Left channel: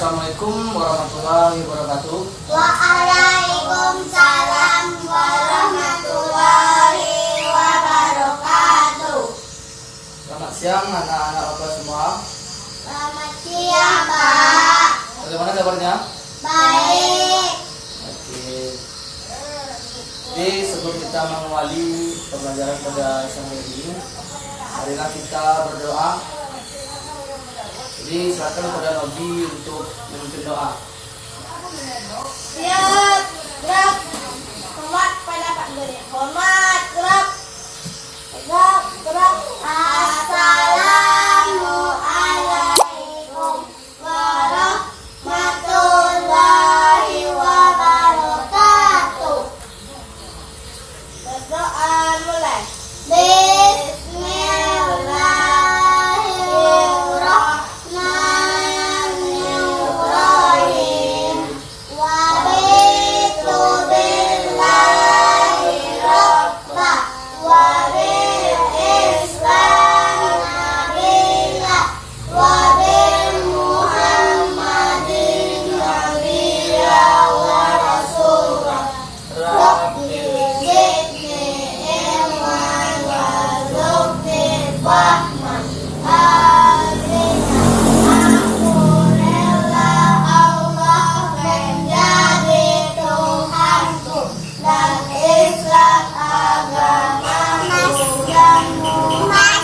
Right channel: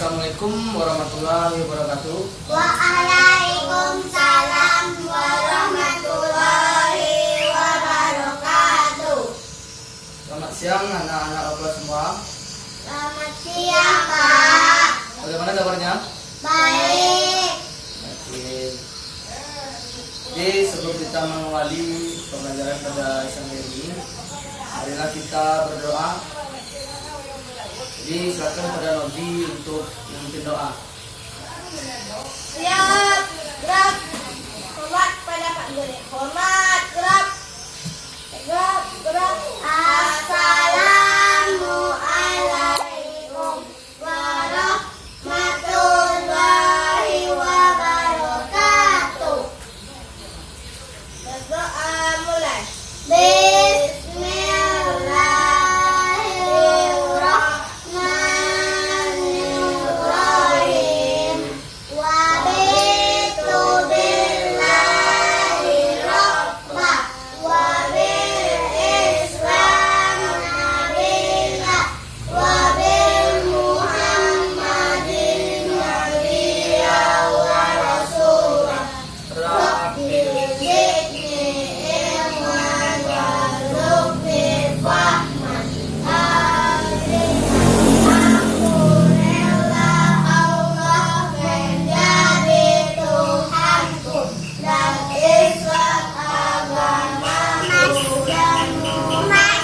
Assalamualaikum warahmatullahi wabarakatuh. Waalaikumsalam warahmatullahi wabarakatuh. Selamat siang anak-anak kelas semua. Selamat siang, Pak. Bagaimana kabarnya? Baik. Oke. Jadi sebelum kita mengawali pembelajaran pada siang ini, marilah kita berdoa. Jadi silakan pada Nabi untuk memimpin doa. Siap, gerak. Hormat pada Pak Guru. Hormat, gerak. Gerak, gerak. Assalamualaikum warahmatullahi wabarakatuh. Berdoa mulai. Bismillahirrahmanirrahim. Wabitu billahi rabba wabil islam nabiyya wabil muhammadin nabiyya wa rasulah. Rabbil zidni ilman warzuqni fahman. Amin. Alhamdulillah Allah menjadi Tuhanku dan Islam agamaku dan Muhammad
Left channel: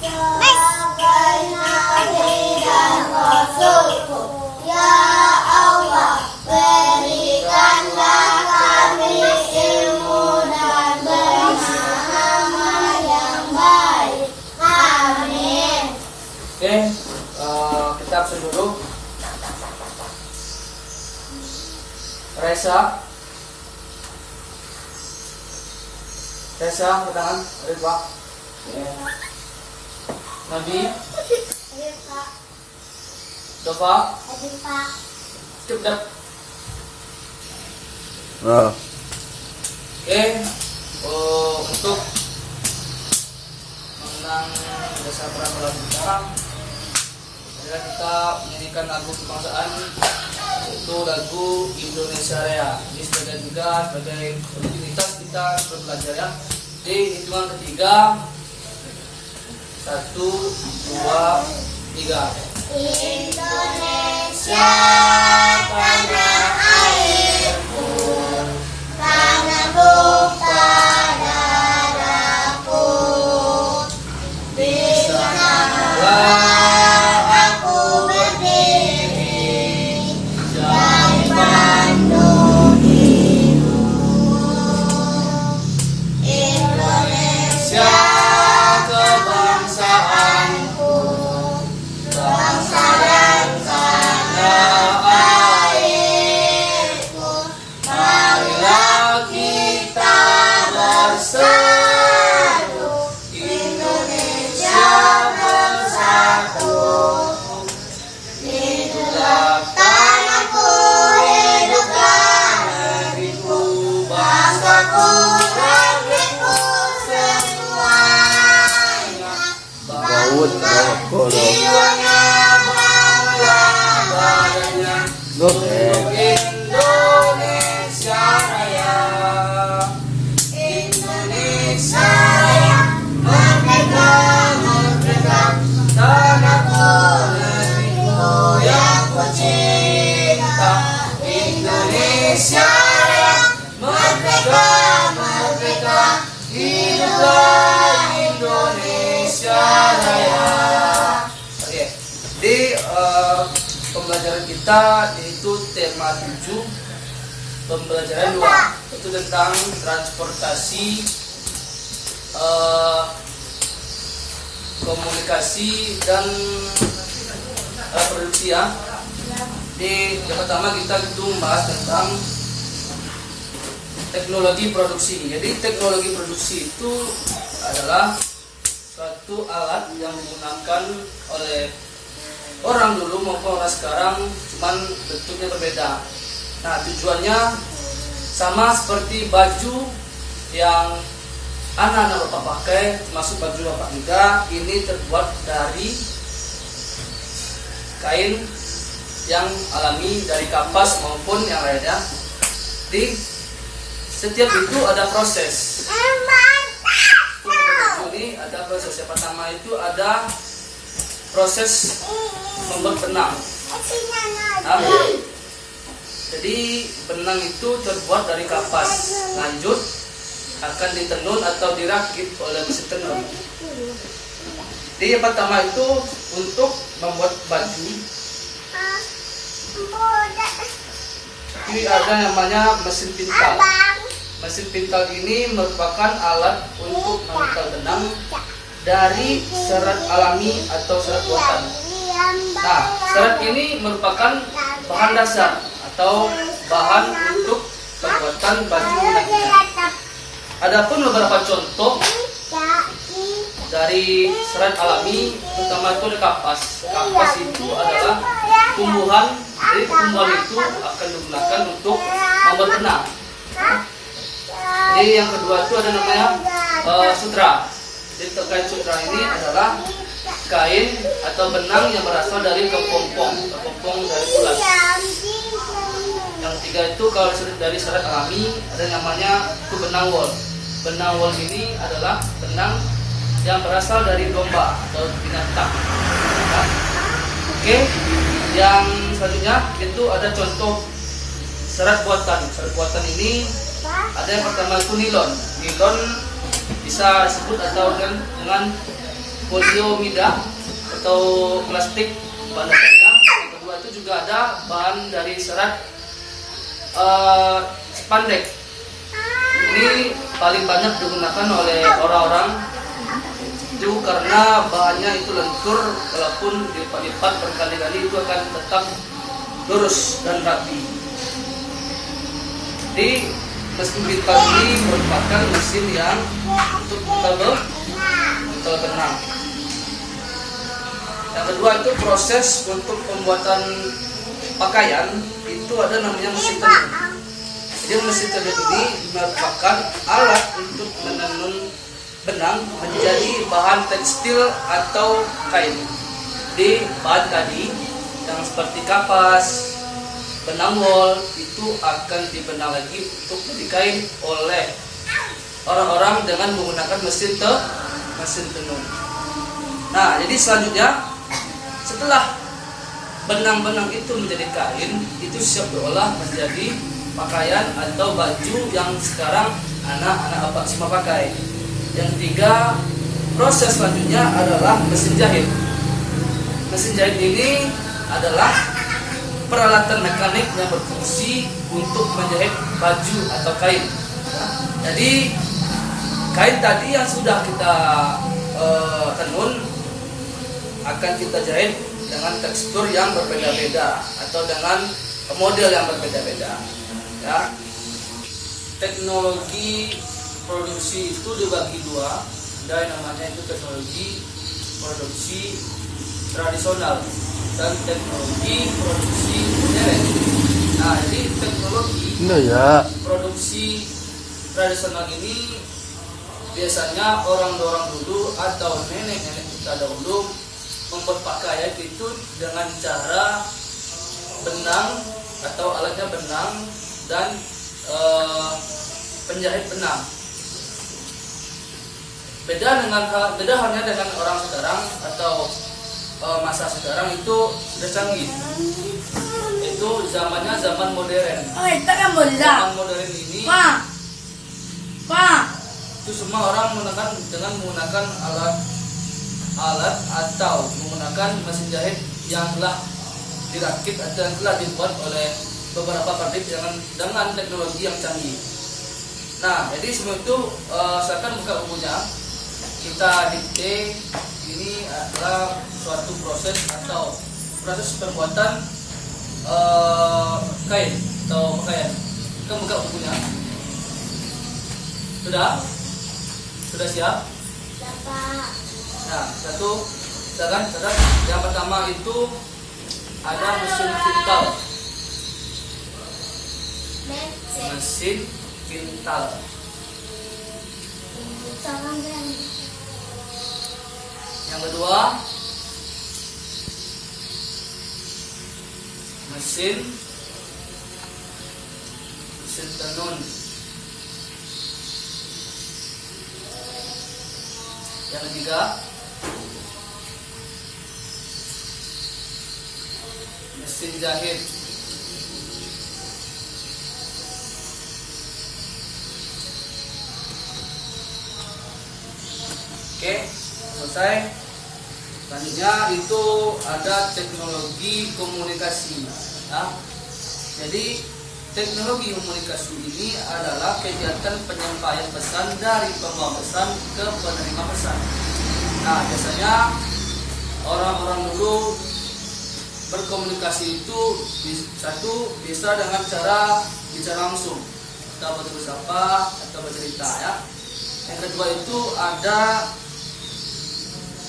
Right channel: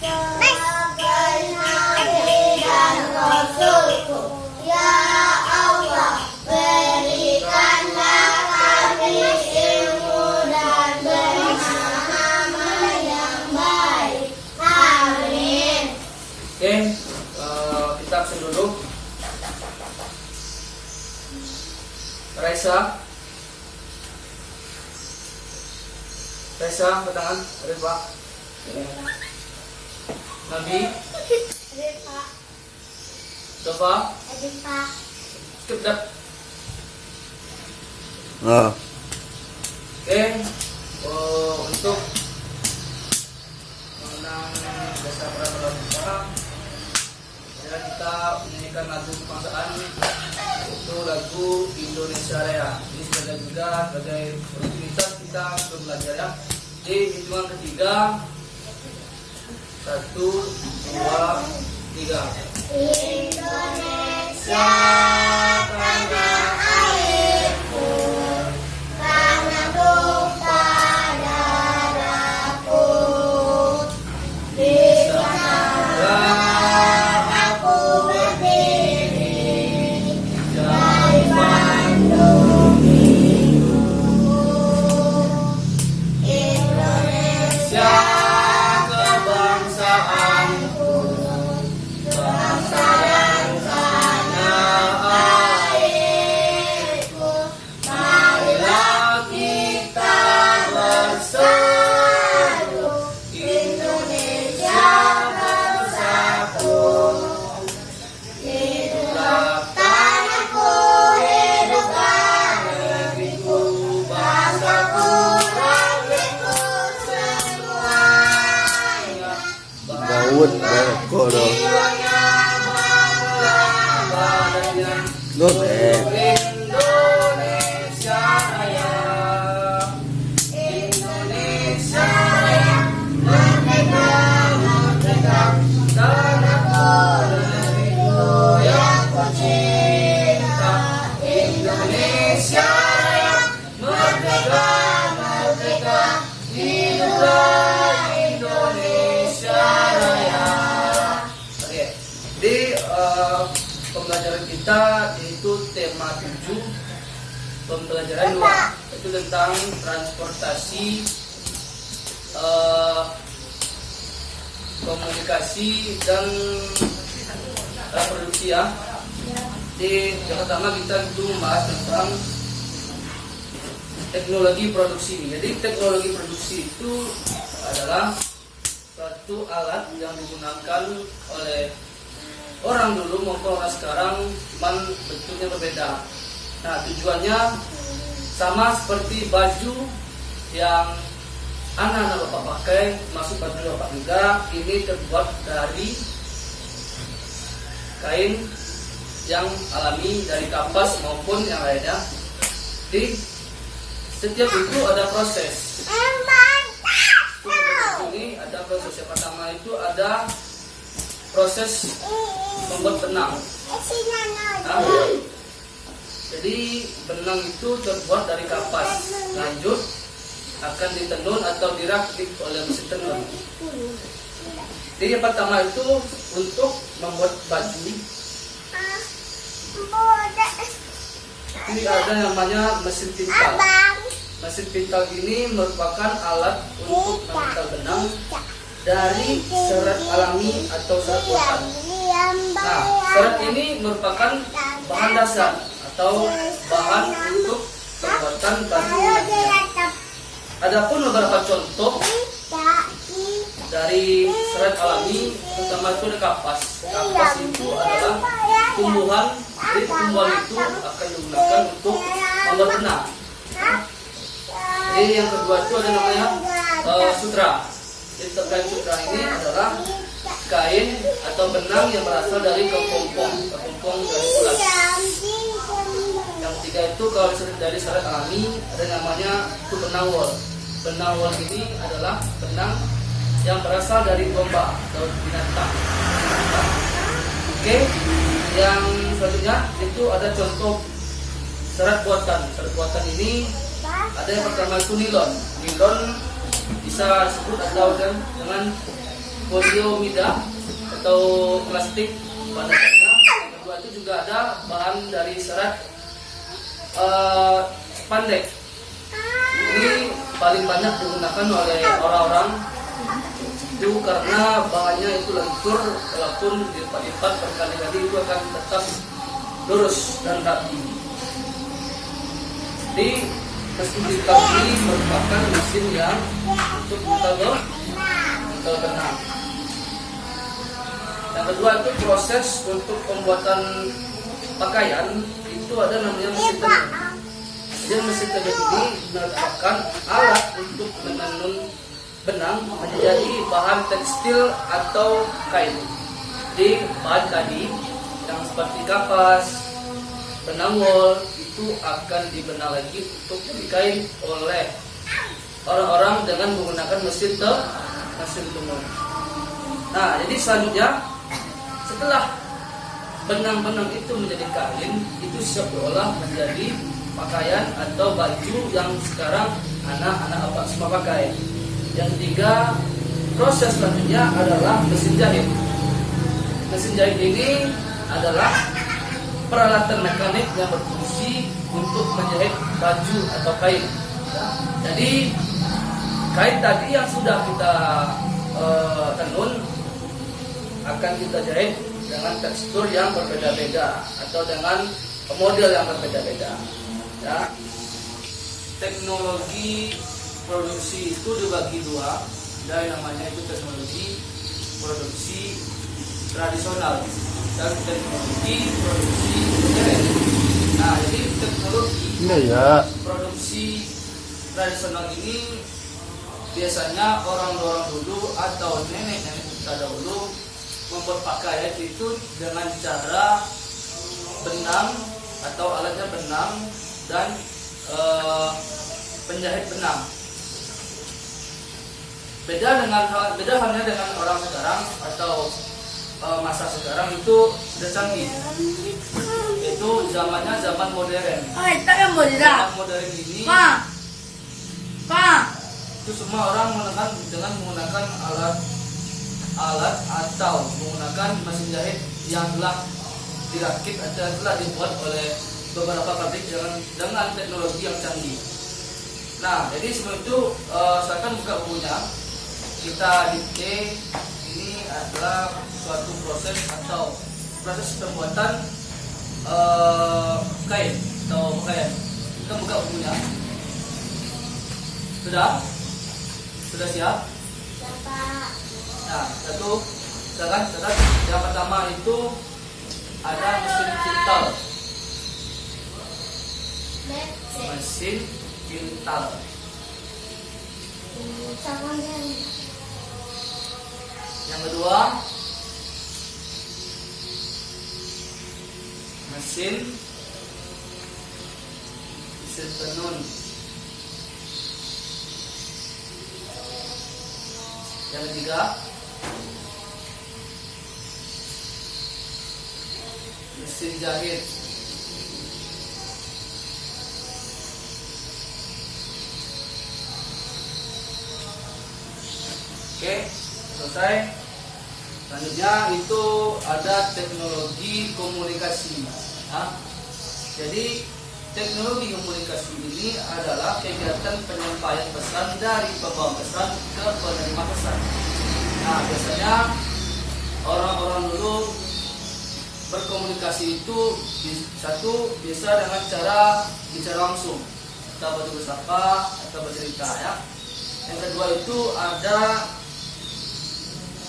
sebagai nabi dan rasulku. Ya Allah, berikanlah kami ilmu dan pemahaman yang baik. Amin. Oke, kita absen dulu. Reza, angkat tangan. Ridwa, Nabi, Pak. Dofa, Pak. Skipdat. Oh. Oke, untuk mengenang dasar peraturan kita, adalah kita menyanyikan lagu kebangsaan, yaitu lagu Indonesia Raya. Ini sebagai juga sebagai rutinitas kita sebelum belajar ya. Di hitungan ketiga, 1, 2, 3. Indonesia tanah airku, tanah tumpah darahku. Di sanalah aku berdiri, dari Bandung Indonesia kebangsaanku, bangsa dan tanah airku. Marilah kita bersatu, Indonesia bersatu. Hiduplah tanahku, hiduplah negeriku, bangsaku, negeriku semuanya. Daud Kodo. Jiwanya bangga badannya Loh. Indonesia Raya, Indonesia Raya, merdeka, merdeka, tanahku, negeriku yang ku cinta. Indonesia Raya, merdeka, merdeka, hiduplah Indonesia Raya. Oke, di pembelajaran kita yaitu tema 7, pembelajaran 2 itu tentang transportasi, komunikasi dan produksi ya. Di yang pertama kita itu membahas tentang teknologi produksi. Jadi teknologi produksi itu adalah suatu alat yang digunakan oleh orang dulu maupun orang sekarang, cuman bentuknya berbeda. Nah, tujuannya sama seperti baju yang anak-anak bapak pakai, termasuk baju bapak juga. Ini terbuat dari kain yang alami dari kapas maupun yang lainnya. Di setiap itu ada proses. Ini ada proses. Yang pertama itu ada proses membuat benang. Nah, jadi benang itu terbuat dari kapas. Lanjut akan ditenun atau dirakit oleh mesin tenun. Jadi yang pertama itu untuk membuat baju. Jadi ada namanya mesin pintal. Mesin pintal ini merupakan alat untuk memintal benang dari serat alami atau serat buatan. Nah, serat ini merupakan bahan dasar atau bahan untuk pembuatan baju nantinya. Adapun beberapa contoh dari serat alami, pertama itu ada kapas. Kapas itu adalah tumbuhan, jadi tumbuhan itu akan digunakan untuk membuat benang. Jadi yang kedua itu ada namanya sutra. Jadi kain sutra ini adalah kain atau benang yang berasal dari kepompong dari ulas. Yang ketiga itu kalau dari serat alami ada namanya itu benang wol. Benang wol ini adalah benang yang berasal dari domba atau binatang. Nah, oke, yang selanjutnya itu ada contoh serat buatan. Serat buatan ini ada yang pertama itu nilon. Nilon bisa disebut atau dengan poliomida atau plastik bahan dasarnya. Yang kedua itu juga ada bahan dari serat spandek. Ini paling banyak digunakan oleh orang-orang itu karena bahannya itu lentur, walaupun dilipat-lipat berkali-kali itu akan tetap lurus dan rapi. Jadi mesin pintal ini merupakan mesin yang untuk memintal benang. Yang kedua itu proses untuk pembuatan pakaian itu ada namanya mesin tenun. Jadi mesin tenun ini merupakan alat untuk menenun benang menjadi bahan tekstil atau kain. Di bahan tadi yang seperti kapas, benang wol itu akan dibenang lagi untuk menjadi kain oleh orang-orang dengan menggunakan mesin tenun. Nah, jadi selanjutnya setelah benang-benang itu menjadi kain, itu siap diolah menjadi pakaian atau baju yang sekarang anak-anak semua pakai. Yang ketiga, proses selanjutnya adalah mesin jahit. Mesin jahit ini adalah peralatan mekanik yang berfungsi untuk menjahit baju atau kain. Jadi kain tadi yang sudah kita tenun akan kita jahit dengan tekstur yang berbeda-beda atau dengan model yang berbeda-beda. Ya. Teknologi produksi itu dibagi dua. Ada yang namanya itu teknologi produksi tradisional dan teknologi produksi modern. Nah, jadi teknologi produksi tradisional ini biasanya orang-orang dulu atau nenek-nenek kita dahulu membuat pakaian itu dengan cara benang atau alatnya benang dan penjahit benang. Beda halnya dengan orang sekarang atau masa sekarang itu sudah canggih. Itu zamannya zaman modern. Zaman modern ini itu semua orang menggunakan alat atau menggunakan mesin jahit yang telah dirakit atau yang telah dibuat oleh beberapa pabrik dengan teknologi yang canggih. Nah, jadi semua itu saya akan buka bukunya. Kita dikte ini adalah suatu proses atau proses pembuatan kain atau pakaian. Kita buka bukunya. Sudah siap? Nah, catat. Yang pertama itu ada mesin pintal. Mesin pintal. Yang kedua mesin tenun. Yang ketiga, mesin jahit. Oke, selesai. Selanjutnya itu ada teknologi komunikasi. Ya. Jadi teknologi komunikasi ini adalah kegiatan penyampaian pesan dari pembawa pesan ke penerima pesan. Nah, biasanya orang-orang dulu berkomunikasi itu satu bisa dengan cara bicara langsung, atau bersapa atau bercerita ya. Yang kedua itu ada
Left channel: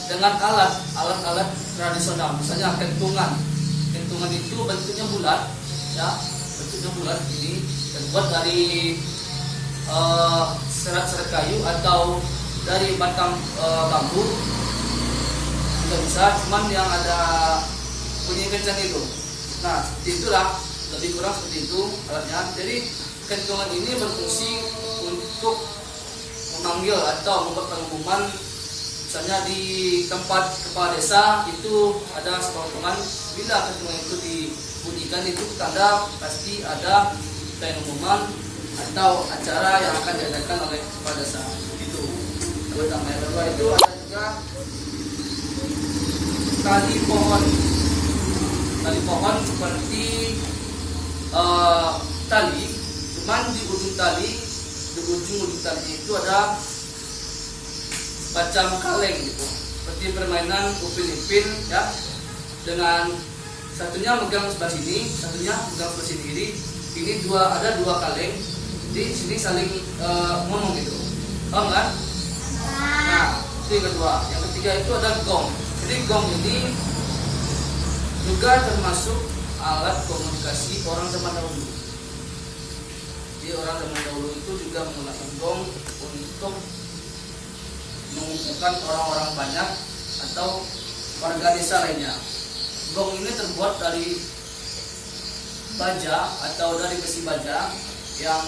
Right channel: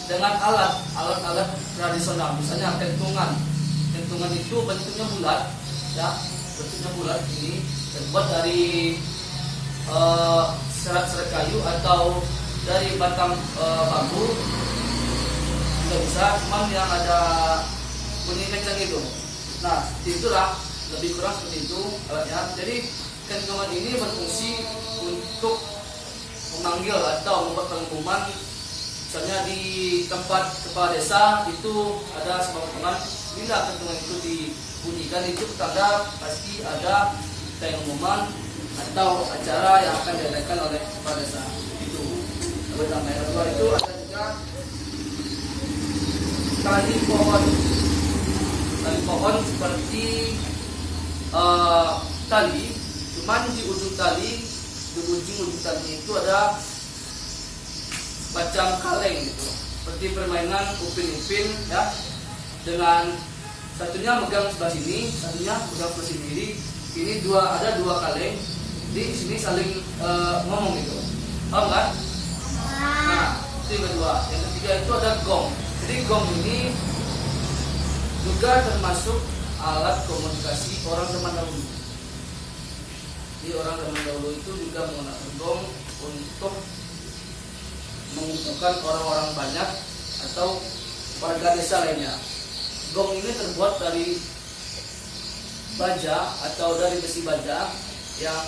dengan alat-alat tradisional, misalnya kentungan. Kentungan itu bentuknya bulat, ya, bentuknya bulat ini terbuat dari serat-serat kayu atau dari batang bambu. Juga bisa, cuman yang ada bunyi kencang itu. Nah, seperti itulah, lebih kurang seperti itu alatnya. Jadi kentungan ini berfungsi untuk memanggil atau membuat pengumuman. Misalnya di tempat kepala desa itu ada sebuah pengumuman, bila kentungan itu dibunyikan itu tanda pasti ada pengumuman atau acara yang akan diadakan oleh kepala desa. Itu pertama. Yang kedua itu ada juga tali pohon. Tali pohon seperti tali, cuman di ujung tali itu ada macam kaleng gitu, seperti permainan upin-ipin ya, dengan satunya megang sebelah sini, satunya megang sebelah sini. Jadi ini ada dua kaleng, di sini saling ngomong gitu, paham kan? Nah, itu yang kedua. Yang ketiga itu ada gong. Jadi gong ini juga termasuk alat komunikasi orang zaman dahulu. Jadi orang zaman dahulu itu juga menggunakan gong untuk mengumpulkan orang-orang banyak atau warga desa lainnya. Gong ini terbuat dari baja atau dari besi baja yang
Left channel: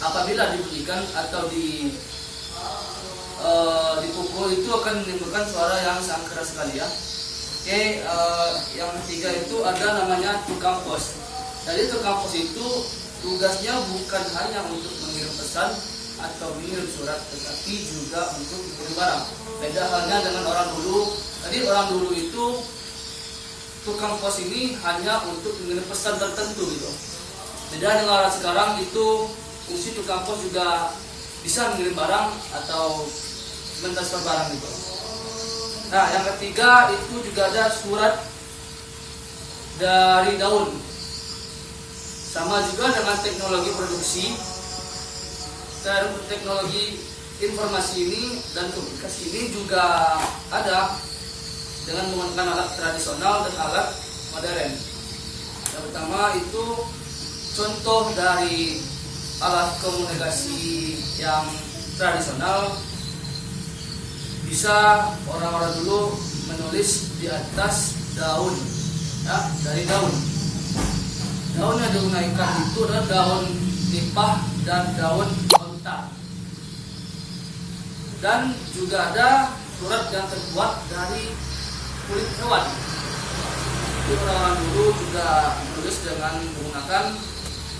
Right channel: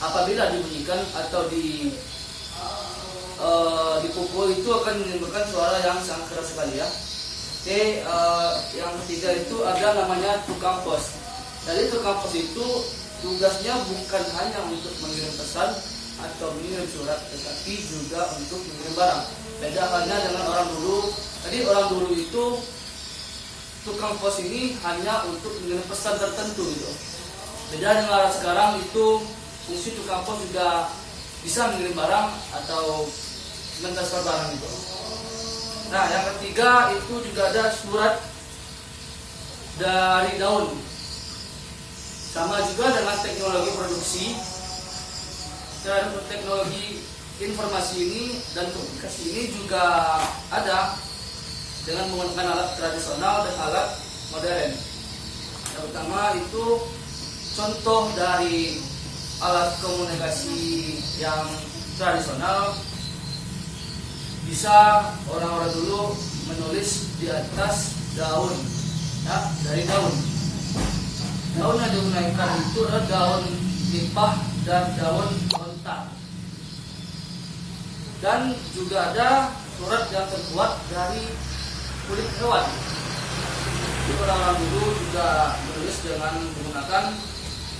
apabila dibunyikan atau dipukul itu akan menimbulkan suara yang sangat keras sekali ya. Oke, yang ketiga itu ada namanya tukang pos. Jadi tukang pos itu tugasnya bukan hanya untuk mengirim pesan atau mengirim surat, tetapi juga untuk mengirim barang. Beda halnya dengan orang dulu. Tadi orang dulu itu tukang pos ini hanya untuk mengirim pesan tertentu gitu. Beda dengan orang sekarang itu fungsi tukang pos juga bisa mengirim barang atau mentransfer barang gitu. Nah, yang ketiga itu juga ada surat dari daun. Sama juga dengan teknologi produksi dan teknologi informasi ini dan komunikasi ini juga ada dengan menggunakan alat tradisional dan alat modern. Yang pertama itu contoh dari alat komunikasi yang tradisional, bisa orang-orang dulu menulis di atas daun, ya, dari daun. Daun yang digunakan itu adalah daun nipah dan daun onta. Dan juga ada surat yang terbuat dari kulit hewan. Jadi orang-orang dulu juga menulis dengan menggunakan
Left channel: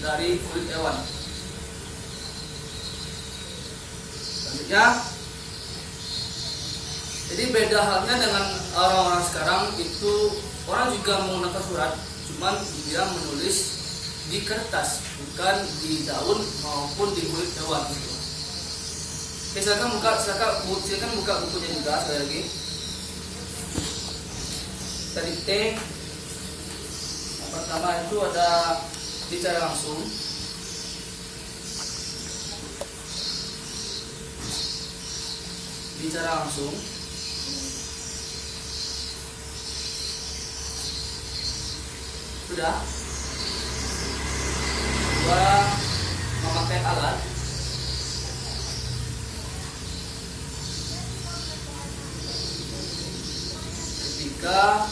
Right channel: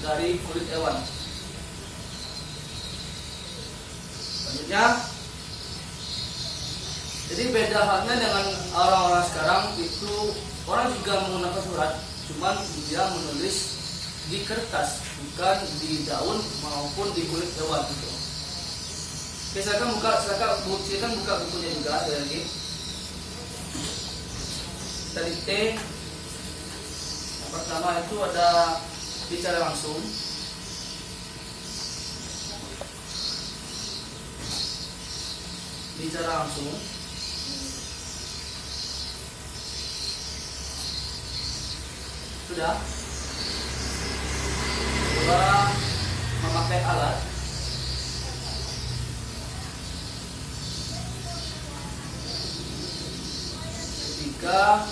dari kulit hewan. Selanjutnya, jadi beda halnya dengan orang-orang sekarang itu orang juga menggunakan surat, cuman dia menulis di kertas, bukan di daun maupun di kulit hewan gitu. Oke, silakan buka bukunya juga sekali lagi. Tadi T yang pertama itu ada bicara langsung. Bicara langsung. Sudah. Dua, memakai alat. Ketiga,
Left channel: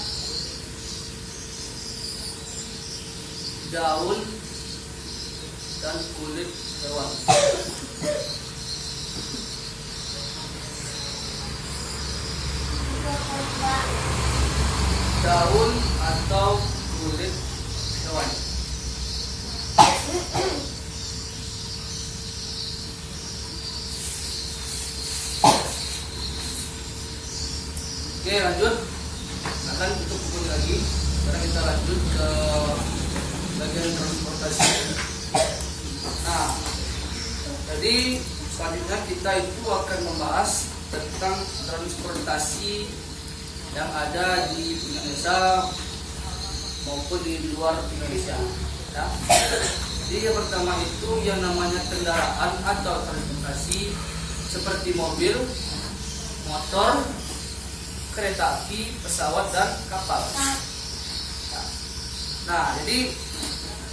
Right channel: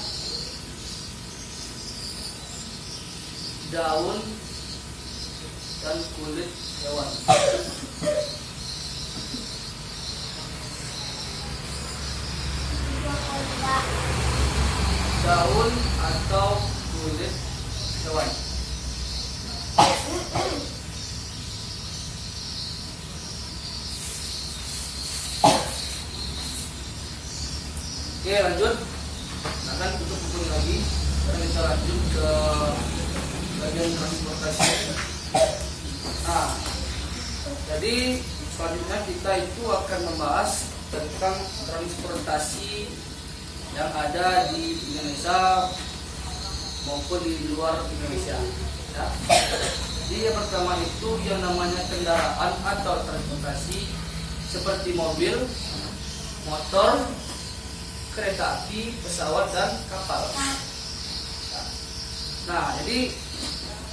daun, dan kulit hewan. Daun atau kulit hewan. Oke, lanjut. Akan tutup buku lagi. Sekarang kita lanjut ke bagian transportasi. Nah, jadi selanjutnya kita itu akan membahas tentang transportasi yang ada di Indonesia maupun di luar Indonesia. Ya. Jadi yang pertama itu yang namanya kendaraan atau transportasi seperti mobil, motor, kereta api, pesawat, dan kapal. Nah, jadi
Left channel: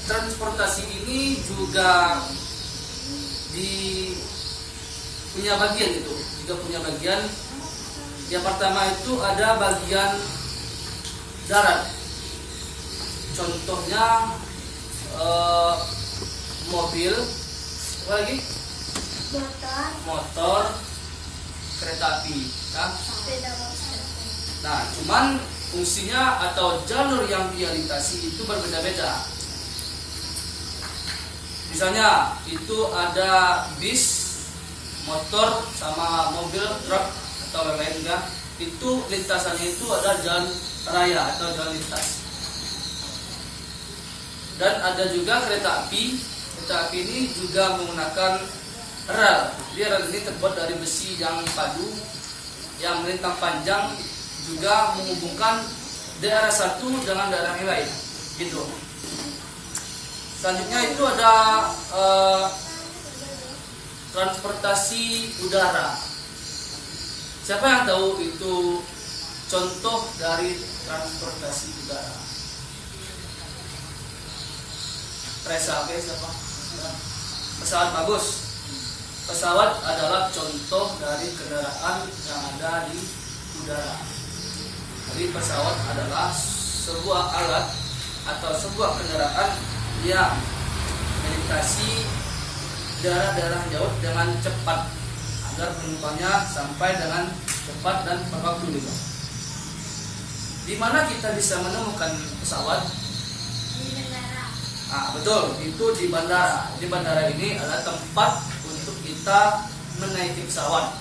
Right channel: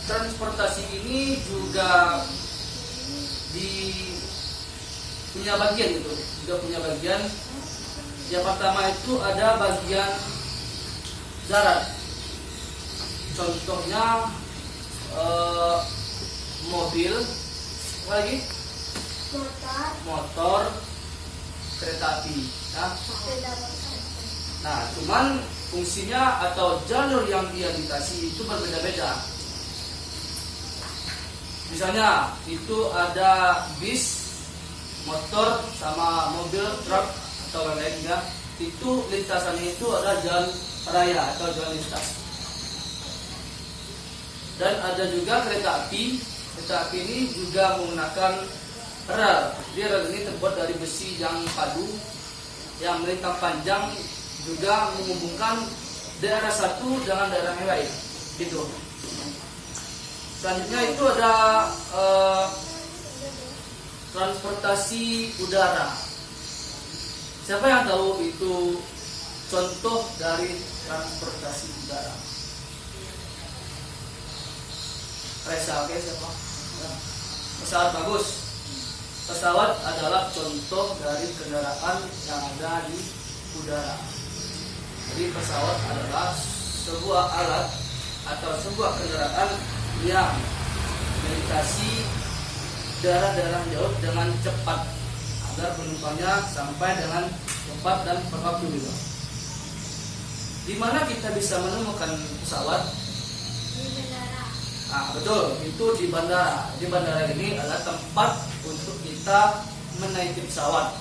transportasi ini juga punya bagian itu, juga punya bagian. Yang pertama itu ada bagian darat. Contohnya mobil, apa lagi? Motor, kereta api. Ya. Nah, cuman fungsinya atau jalur yang dia lintasi itu berbeda-beda. Misalnya itu ada bis, motor, sama mobil, truk atau lain-lain juga. Itu lintasannya itu ada jalan raya atau jalan lintas. Dan ada juga kereta api. Kereta api ini juga menggunakan rel. Dia rel ini terbuat dari besi yang padu yang melintang panjang, juga menghubungkan daerah satu dengan daerah yang lain. Gitu. Selanjutnya itu ada transportasi udara. Siapa yang tahu itu contoh dari transportasi udara? Resa, oke, siapa? Pesawat, bagus. Pesawat adalah contoh dari kendaraan yang ada di udara. Jadi pesawat adalah sebuah alat atau sebuah kendaraan yang melintasi daerah-daerah jauh dengan cepat agar penumpangnya sampai dengan cepat dan tepat waktu juga. Di mana kita bisa menemukan pesawat? Nah, betul, itu di bandara. Di bandara ini adalah tempat untuk kita menaiki pesawat.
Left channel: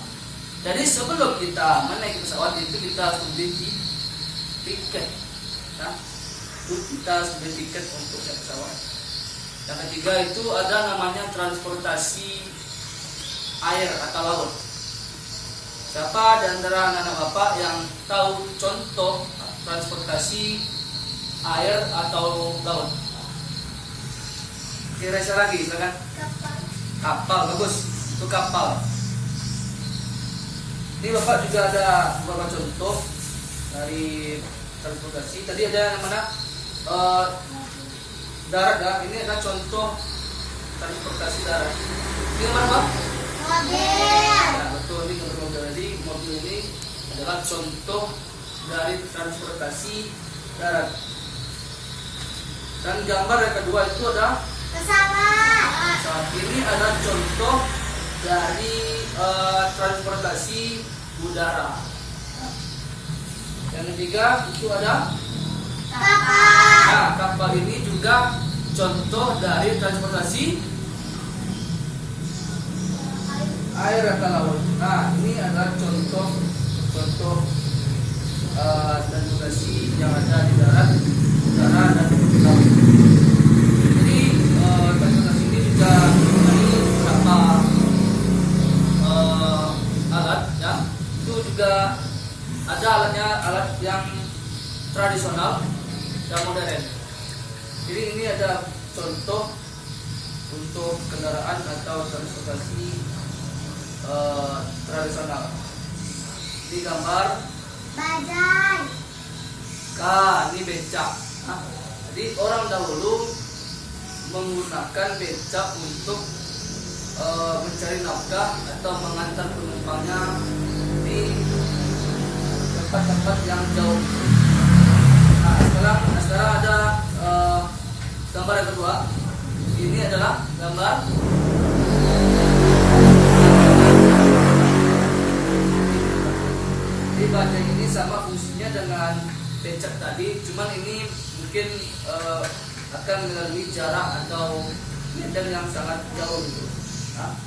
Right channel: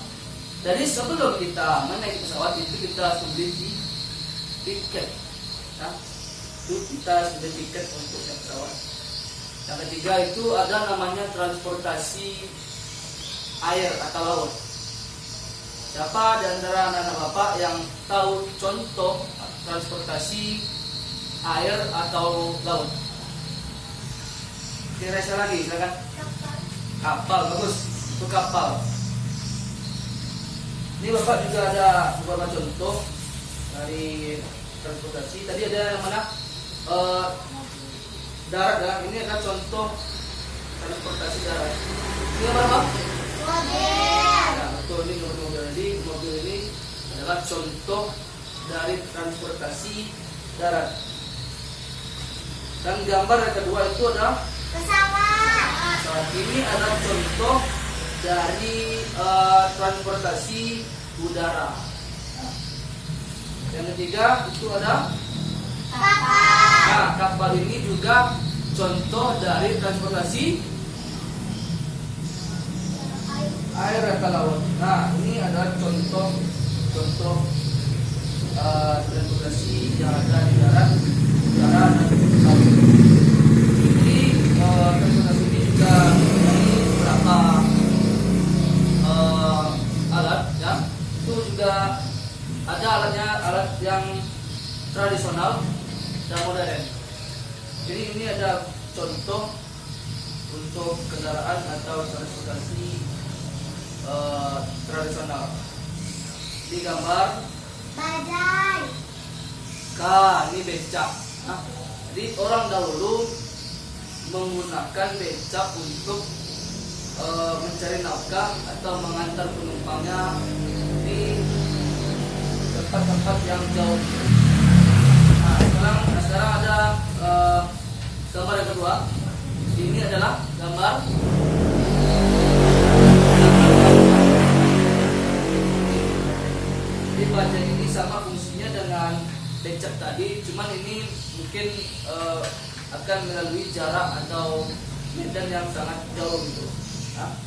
Jadi sebelum kita menaiki pesawat itu kita harus beli tiket. Nah, itu kita harus beli tiket untuk naik pesawat. Yang ketiga itu ada namanya transportasi air atau laut. Siapa di antara anak-anak bapak yang tahu contoh transportasi air atau laut? Kira-kira lagi, silakan. Kapal, bagus. Itu kapal. Ini bapak juga ada beberapa contoh dari transportasi. Tadi ada yang mana? Darat ya. Ini adalah contoh transportasi darat. Ini gambar apa? Mobil. Nah, betul, ini gambar mobil. Jadi mobil ini adalah contoh dari transportasi darat. Dan gambar yang kedua itu ada Pesawat. pesawat. Ini adalah contoh dari transportasi udara. Yang ketiga itu ada Kapal. nah, kapal ini juga contoh dari transportasi air atau laut. Nah, ini adalah contoh transportasi yang ada di darat, udara, dan laut. Jadi transportasi ini juga mempunyai beberapa alat, ya. Itu juga ada alat yang tradisional dan modern. Jadi ini ada contoh untuk kendaraan atau transportasi tradisional. Di gambar Bajai. ini becak. Nah, jadi orang dahulu menggunakan becak untuk mencari nafkah atau mengantar penumpangnya di tempat-tempat yang jauh. Nah, sekarang ada gambar gambar yang kedua. Ini adalah gambar baja ini sama fungsinya dengan becak tadi, cuman ini mungkin akan melalui jarak atau medan yang sangat jauh gitu. Nah.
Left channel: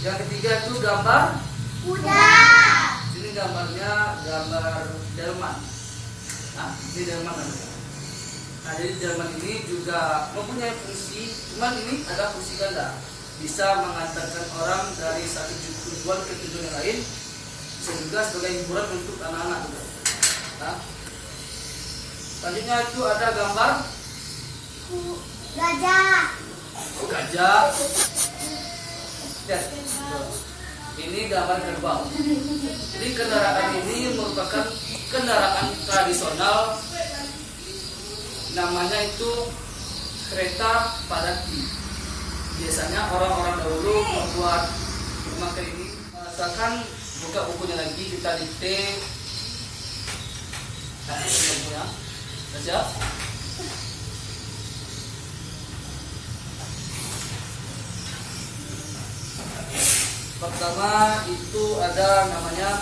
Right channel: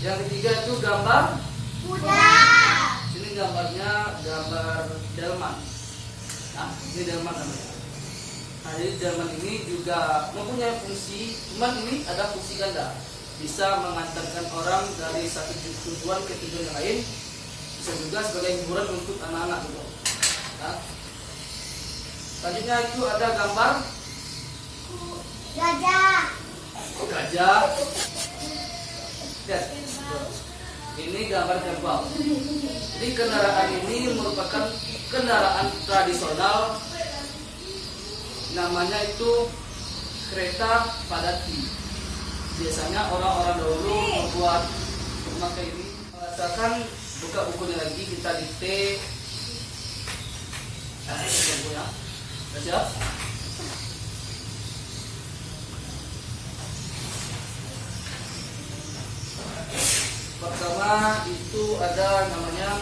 Yang ketiga itu gambar kuda. Ini gambarnya gambar delman. Nah, ini delman namanya. Nah, jadi delman ini juga mempunyai fungsi, cuman ini ada fungsi ganda. Bisa mengantarkan orang dari satu tujuan ke tujuan yang lain, bisa juga sebagai hiburan untuk anak-anak juga. Nah, selanjutnya itu ada gambar Gajah. gajah. Lihat, ini gambar kerbau. Jadi kendaraan ini merupakan kendaraan tradisional, namanya itu kereta padati. Biasanya orang-orang dahulu membuat memakai ini. Misalkan buka bukunya lagi, kita dikte. Nah, ini bukunya. Baca. Pertama itu ada namanya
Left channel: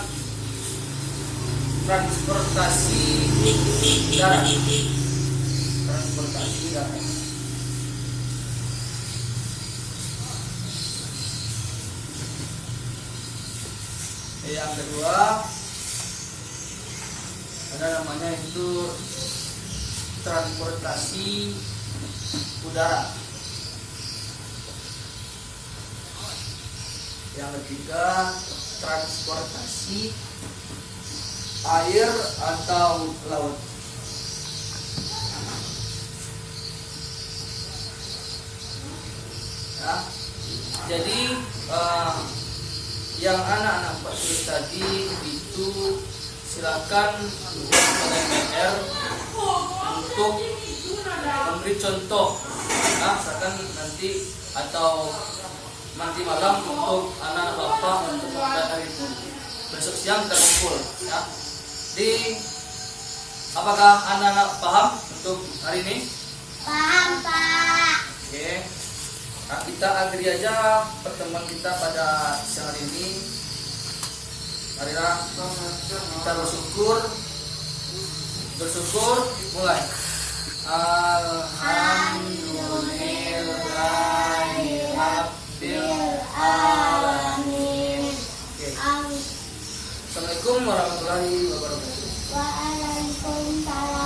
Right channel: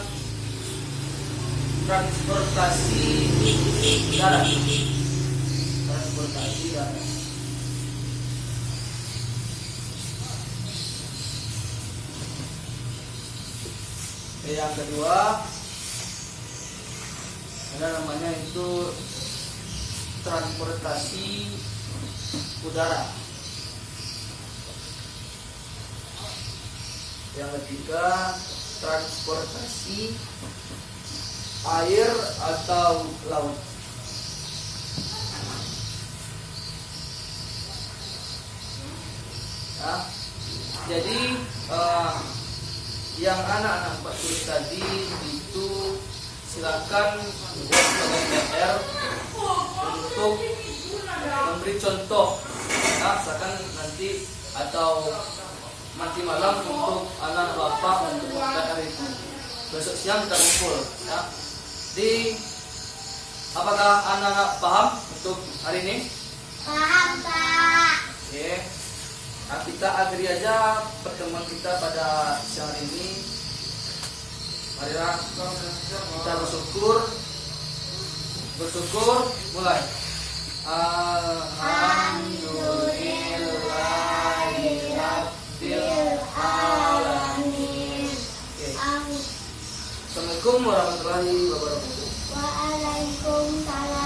transportasi darat. Transportasi darat. Yang kedua ada namanya itu transportasi udara. Yang ketiga transportasi air atau laut. Ya, jadi yang anak-anak Pak tulis tadi itu silakan buat pada PR untuk memberi contoh. Nah, misalkan nanti atau nanti malam untuk anak bapak untuk hari itu. Besok siang kita kumpul ya. Di apakah anak-anak paham untuk hari ini? Paham, Pak. Oke. Nah, kita akhiri aja pertemuan kita pada siang hari ini. Marilah kita bersyukur mulai. Alhamdulillahirabbil alamin. Assalamualaikum warahmatullahi wabarakatuh. Waalaikumsalam.